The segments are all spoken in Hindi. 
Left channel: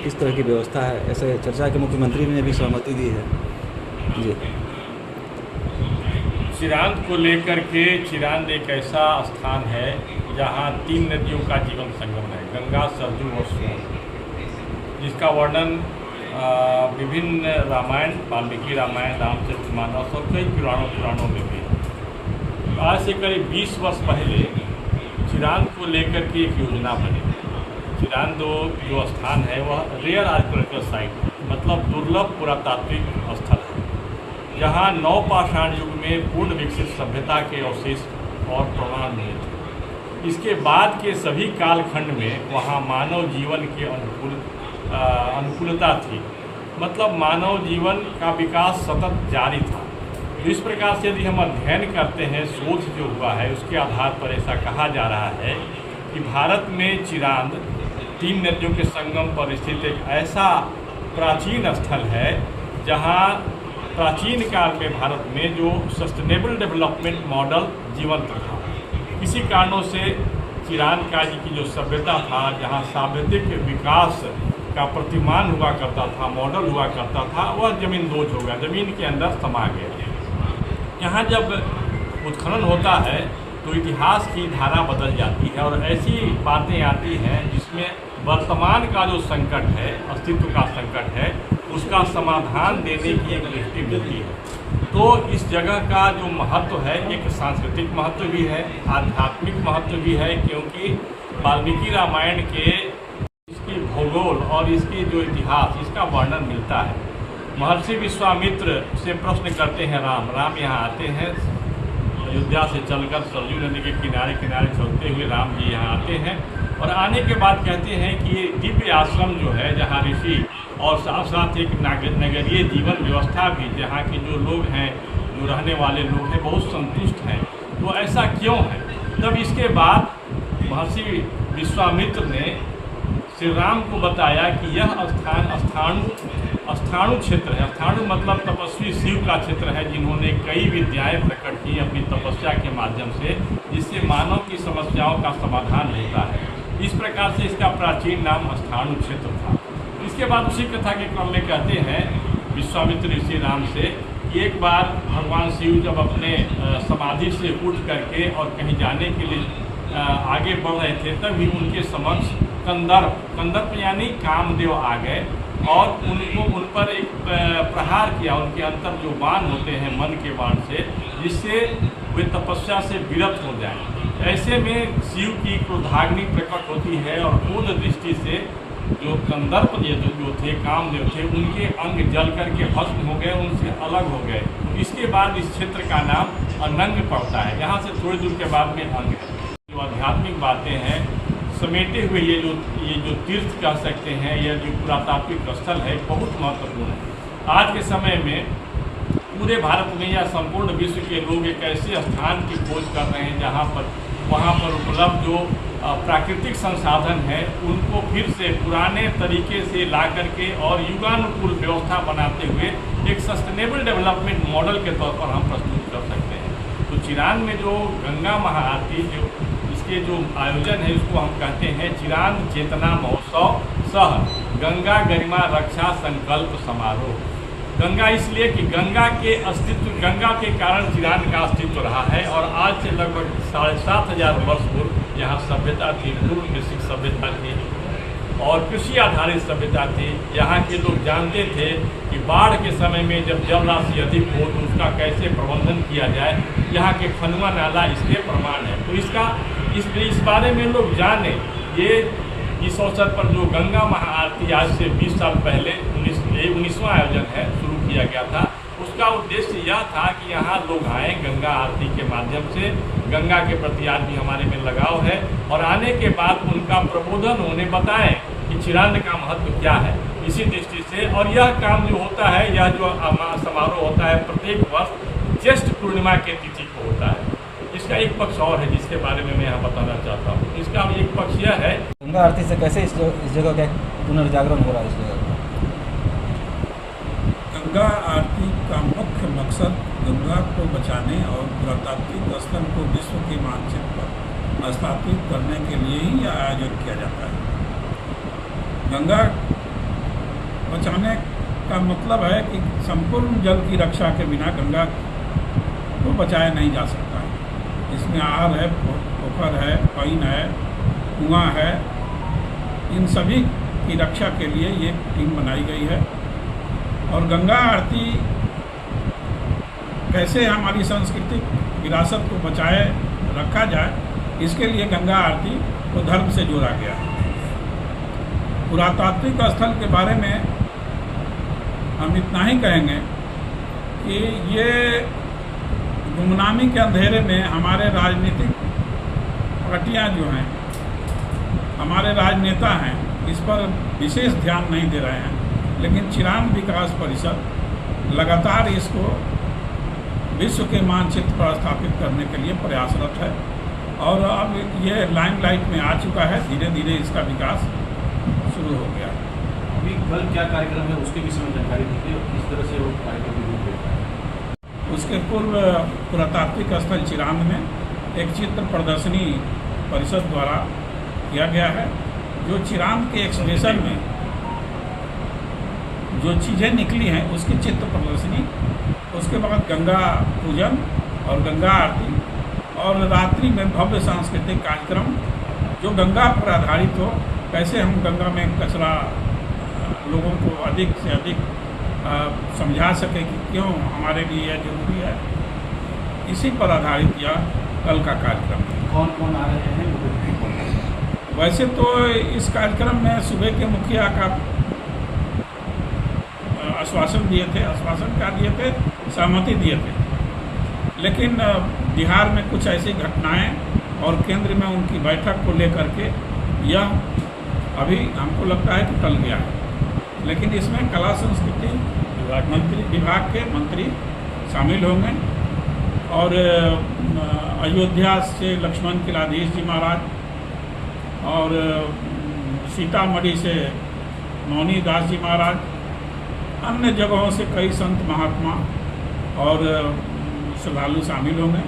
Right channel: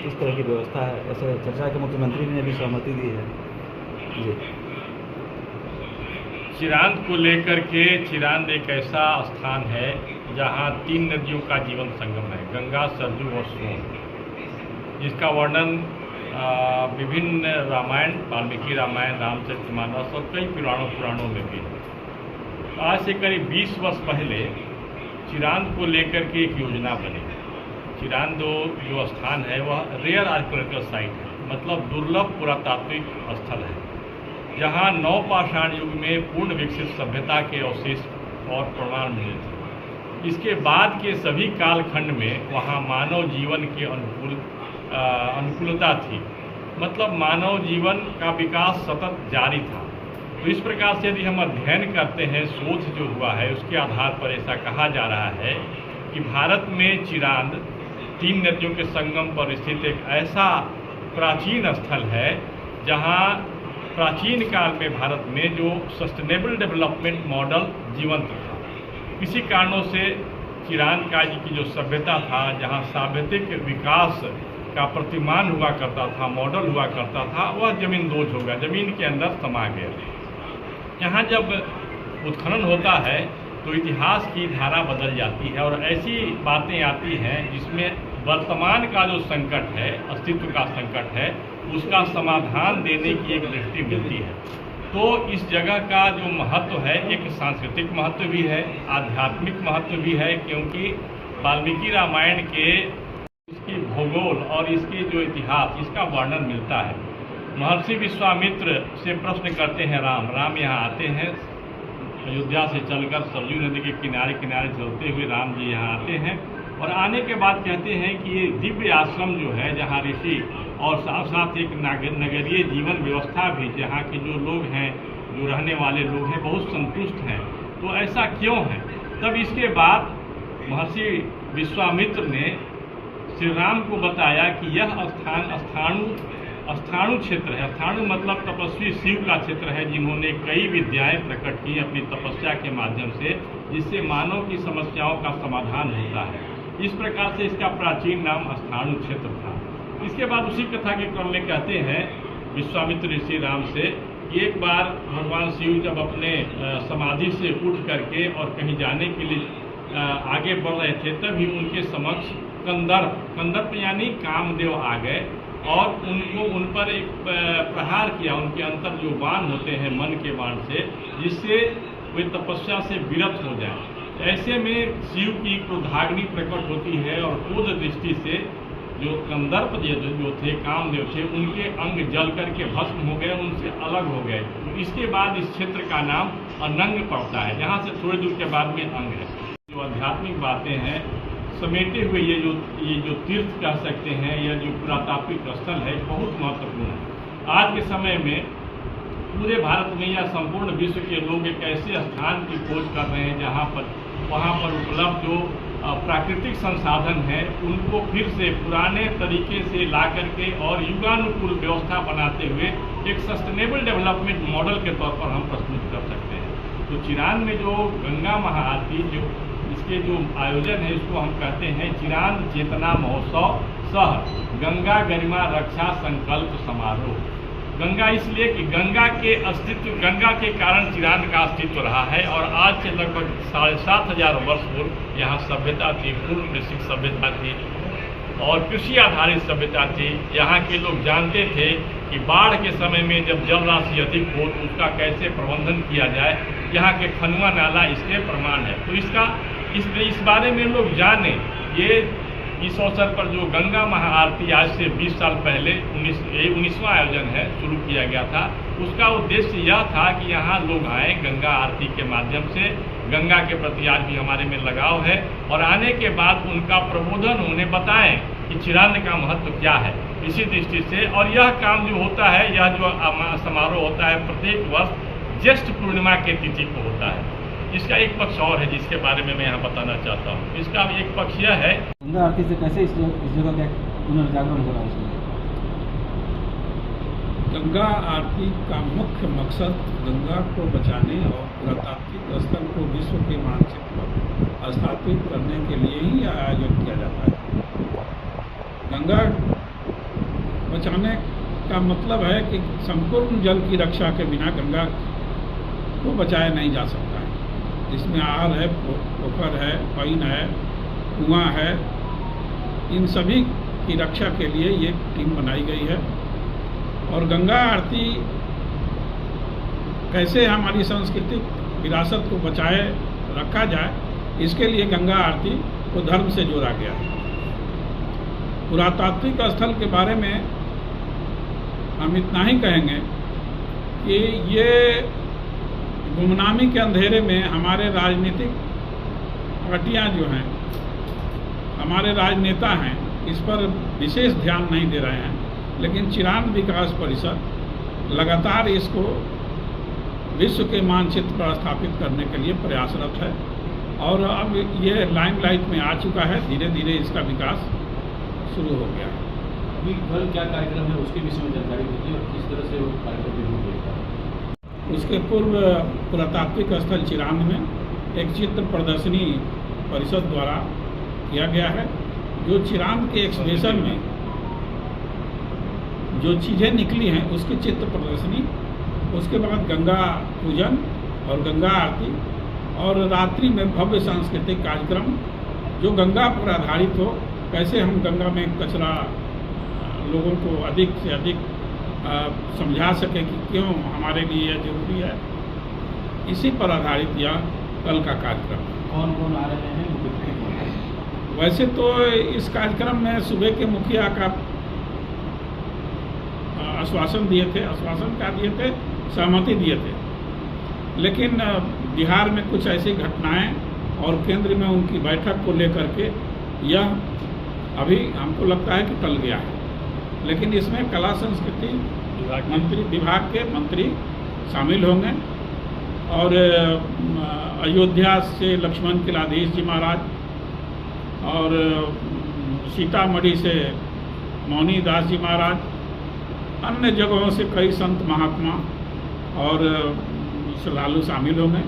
इस तरह की व्यवस्था है, ऐसे चर्चा के मुख्यमंत्री ने भी सहमति दी है। जी, चिरांद को लेकर के चिरांद एक ऐसा स्थान है जहाँ 3 नदियों का जीवन संगम है, गंगा, सरजू और सोन, जिसका वर्णन विभिन्न रामायण, वाल्मीकि रामायण, रामचरितमानस और कई पुराणों में भी। आज से करीब 20 वर्ष पहले चिरांद को लेकर के एक योजना बनी। चिरांद जो स्थान है वह रेयर आर्कियोलॉजिकल साइट है, मतलब दुर्लभ पुरातात्विक स्थल है, जहाँ नवपाषाण युग में पूर्ण विकसित सभ्यता के अवशेष और प्रमाण मिले थे। इसके बाद के सभी कालखंड में वहाँ मानव जीवन के अनुकूलता थी, मतलब मानव जीवन का विकास सतत जारी था। तो इस प्रकार से यदि हम अध्ययन करते हैं, शोध जो हुआ है उसके आधार पर ऐसा कहा जा रहा है कि भारत में चिरांद 3 नदियों के संगम पर स्थित एक ऐसा प्राचीन स्थल है जहाँ प्राचीन काल में भारत में जो सस्टेनेबल डेवलपमेंट मॉडल जीवंत था। किसी कारणों से चिरांद का की जो सभ्यता था, जहाँ सावधिक विकास का प्रतिमान हुआ करता था, मॉडल हुआ करता था, वह जमींदोज हो गया, ज़मीन के अंदर समा गया। यहाँ जब उत्खनन होता है तो इतिहास की धारा बदल जाती है और ऐसी बातें आती हैं जिसमें वर्तमान का जो संकट है, अस्तित्व का संकट है, उसका समाधान देने की एक दृष्टि मिलती है। तो इस जगह का जो महत्व है, एक सांस्कृतिक महत्व भी है, आध्यात्मिक महत्व भी है, क्योंकि वाल्मीकि रामायण के इसकी भूगोल और इसकी जो इतिहास, इसका वर्णन मिलता है। महर्षि विश्वामित्र से प्रश्न करते हैं राम यहाँ आते हैं, अयोध्या से चलकर सरयू नदी के किनारे किनारे चलते हुए राम जी यहाँ आते हैं और आने के बाद कहते हैं कि ये दिव्य आश्रम जो है, जहाँ ऋषि और साथ साथ एक नगरीय जीवन व्यवस्था भी, जहाँ के जो लोग हैं, जो रहने वाले लोग हैं, बहुत संतुष्ट हैं। तो ऐसा क्यों है? तब इसके बाद महर्षि विश्वामित्र ने श्री राम को बताया कि यह स्थान स्थाणु क्षेत्र है। स्थाणु मतलब तपस्वी शिव का क्षेत्र है, जिन्होंने कई विद्याएं प्रकट की अपनी तपस्या के माध्यम से, जिससे मानव की समस्याओं का समाधान होता है। इस प्रकार से इसका प्राचीन नाम स्थाणु क्षेत्र था। इसके बाद उसी कथा के क्रम में कहते हैं विश्वामित्र ऋषि राम से कि एक बार भगवान शिव जब अपने समाधि से उठ करके और कहीं जाने के लिए आगे बढ़ रहे थे, तभी उनके समक्ष कंदर्प यानी कामदेव आ गए और उन पर एक प्रहार किया, उनके अंतर जो बाण होते हैं मन के बाण से, जिससे वे तपस्या से विरत हो जाए। ऐसे में शिव की क्रोधाग्नि प्रकट होती है और क्रोध दृष्टि से जो कंदर्प जो थे, कामदेव थे, उनके अंग जल करके भस्म हो गए, उनसे अलग हो गए। इसके बाद इस क्षेत्र का नाम अनंग पड़ता है, जहाँ से थोड़ी दूर के बाद में अंग है। जो आध्यात्मिक बातें हैं समेटे हुए ये जो तीर्थ कह सकते हैं, यह जो पुरातात्विक स्थल है, बहुत महत्वपूर्ण है। आज के समय में पूरे भारत में या संपूर्ण विश्व के लोग एक ऐसे स्थान की खोज कर रहे हैं जहाँ पर वहाँ पर उपलब्ध जो प्राकृतिक संसाधन है उनको फिर से पुराने तरीके से ला करके और युगानुकूल व्यवस्था बनाते हुए एक सस्टेनेबल डेवलपमेंट मॉडल के तौर पर हम प्रस्तुत कर सकते हैं। तो चिरांद में जो गंगा महाआरती जो इसके जो आयोजन है, इसको हम कहते हैं चिरांद चेतना महोत्सव सह गंगा गरिमा रक्षा संकल्प समारोह। गंगा इसलिए कि गंगा के अस्तित्व, गंगा के कारण चिरांद का अस्तित्व रहा है और आज से लगभग 7,500 वर्ष पूर्व यहाँ सभ्यता थी, पूर्व कृषि सभ्यता थी और कृषि आधारित सभ्यता थी। यहाँ के लोग जानते थे कि बाढ़ के समय में जब जल राशि अधिक हो तो उसका कैसे प्रबंधन किया जाए। यहाँ के खनुआ नाला इसलिए प्रमाण है। तो इस बारे में लोग जाने। ये इस अवसर पर जो गंगा महाआरती आज से 20 साल पहले 19वां आयोजन है शुरू किया गया था, उसका उद्देश्य यह था कि यहाँ लोग आएँ, गंगा आरती के माध्यम से गंगा के प्रति आज भी हमारे में लगाव है और आने के बाद उनका प्रबोधन उन्हें बताएं कि चिरांद का महत्व क्या है। इसी दृष्टि से और यह काम जो होता है, यह जो समारोह होता है प्रत्येक वर्ष ज्येष्ठ पूर्णिमा के तिथि को होता है। इसका एक पक्ष और है जिसके बारे में मैं यहाँ बताना चाहता हूँ। इसका एक पक्ष यह है, गंगा आरती से कैसे इस जगह का पुनर्जागरण हो रहा है। इस जगह गंगा आरती का मुख्य मकसद गंगा को बचाने और पुरातात्विक स्थल को विश्व के मानचित्र पर स्थापित करने के लिए ही आयोजन किया जाता है। गंगा बचाने का मतलब है कि संपूर्ण जल की रक्षा के बिना गंगा को बचाया नहीं जा सकता है। इसमें आहर है, पोखर है, पाइन है, कुआं है, इन सभी की रक्षा के लिए ये टीम बनाई गई है। और गंगा आरती कैसे हमारी सांस्कृतिक विरासत को बचाए रखा जाए, इसके लिए गंगा आरती को धर्म से जोड़ा गया है। पुरातात्विक स्थल के बारे में हम इतना ही कहेंगे कि ये गुमनामी के अंधेरे में हमारे राजनीतिक पार्टियां जो हैं, हमारे राजनेता हैं, इस पर विशेष ध्यान नहीं दे रहे हैं। लेकिन चिरांद विकास परिषद लगातार इसको विश्व के मानचित्र पर स्थापित करने के लिए प्रयासरत है और अब ये लाइमलाइट में आ चुका है। धीरे धीरे इसका विकास शुरू हो गया है। अभी कल क्या कार्यक्रम है उसके विषय में जानकारी दीजिए और किस तरह से वो कार्यक्रम रूप लेता है। उसके पूर्व पुरातात्विक स्थल चिरांद में एक चित्र प्रदर्शनी परिषद द्वारा किया गया है, जो चिरांद के एक्सप्रेशन में जो चीज़ें निकली हैं उसकी चित्र प्रदर्शनी, उसके बाद गंगा पूजन और गंगा आरती और रात्रि में भव्य सांस्कृतिक कार्यक्रम जो गंगा पर आधारित हो। कैसे हम गंगा में कचरा लोगों को अधिक से अधिक समझा सके कि क्यों हमारे लिए यह जरूरी है, इसी पर आधारित यह कल का कार्यक्रम है। कौन कौन आ रहे हैं, वो व्यक्ति कौन है? वैसे तो इस कार्यक्रम में सूबे के मुखिया का आश्वासन दिए थे, आश्वासन क्या दिए थे, सहमति दिए थे। लेकिन बिहार में कुछ ऐसी घटनाएं और केंद्र में उनकी बैठक को लेकर के यह अभी हमको लगता है कि टल गया है। लेकिन इसमें कला संस्कृति मंत्री विभाग के मंत्री शामिल होंगे और अयोध्या से लक्ष्मण किलाधीश जी महाराज और सीतामढ़ी से मौनी दास जी महाराज, अन्य जगहों से कई संत महात्मा और श्रद्धालु शामिल होंगे।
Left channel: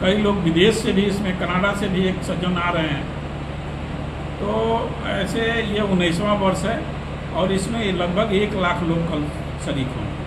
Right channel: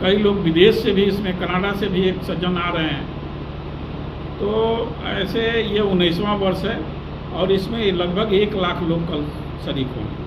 कई लोग विदेश से भी, इसमें कनाडा से भी एक सज्जन आ रहे हैं। तो ऐसे ये 19वां वर्ष है और इसमें लगभग 1 लाख लोग कल शरीक होंगे।